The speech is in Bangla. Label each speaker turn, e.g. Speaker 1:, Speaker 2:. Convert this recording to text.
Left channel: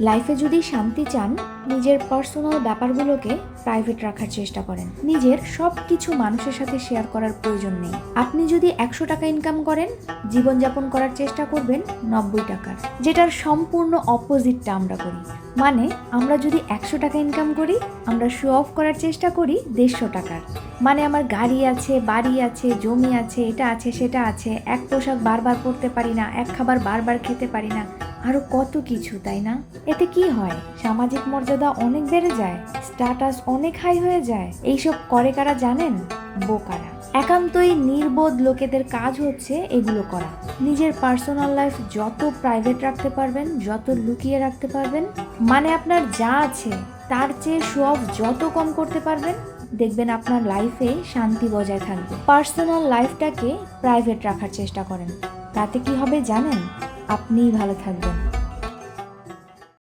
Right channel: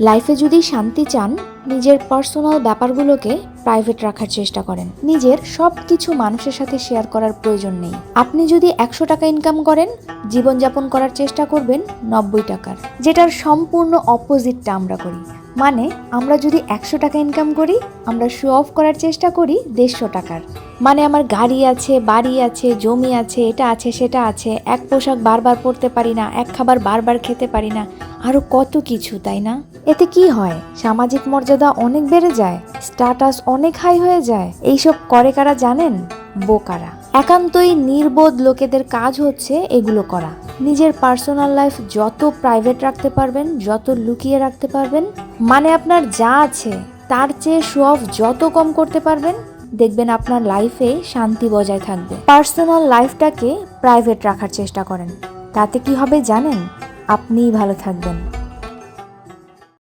Speaker 1: লাইফে যদি শান্তি চান নিজের পার্সোনাল ব্যাপারগুলোকে প্রাইভেট রাখার চেষ্টা করেন। নিজের সব কিছু মানুষের সাথে শেয়ার করার প্রয়োজন নেই। আপনি যদি একশো টাকা ইনকাম করেন, জীবনযাপন করার চেষ্টা করবেন নব্বই টাকার। যেটার সম্পূর্ণ অপোজিটটা আমরা করি। মানে আমরা যদি একশো টাকা ইনকাম করি, আমরা শো অফ করার চেষ্টা করি দেড়শো টাকার। মানে আমার গাড়ি আছে, বাড়ি আছে, জমি আছে, এটা আছে, সেটা আছে, এক পোশাক বারবার পরতে পারি না, এক খাবার বারবার খেতে পারি না। আরও কত কিছু, তাই না? এতে কি হয়? সামাজিক মর্যাদা অনেক বেড়ে যায় স্ট্যাটাস অনেক হাই হয়ে যায়, এইসব করে কারা জানেন? বোকারা। একান্তই নির্বোধ লোকেদের কাজ হচ্ছে এগুলো করা। নিজের পার্সোনাল লাইফ যত প্রাইভেট রাখতে পারবেন, যত লুকিয়ে রাখতে পারবেন মানে আপনার যা আছে, তার চেয়ে শো অফ যত কম করতে পারবেন, দেখবেন আপনার লাইফে শান্তি বজায় থাকবে। পার্সোনাল লাইফটাকে প্রাইভেট রাখার চেষ্টা করেন। তাতে কি হবে জানেন? আপনিই ভালো থাকবেন।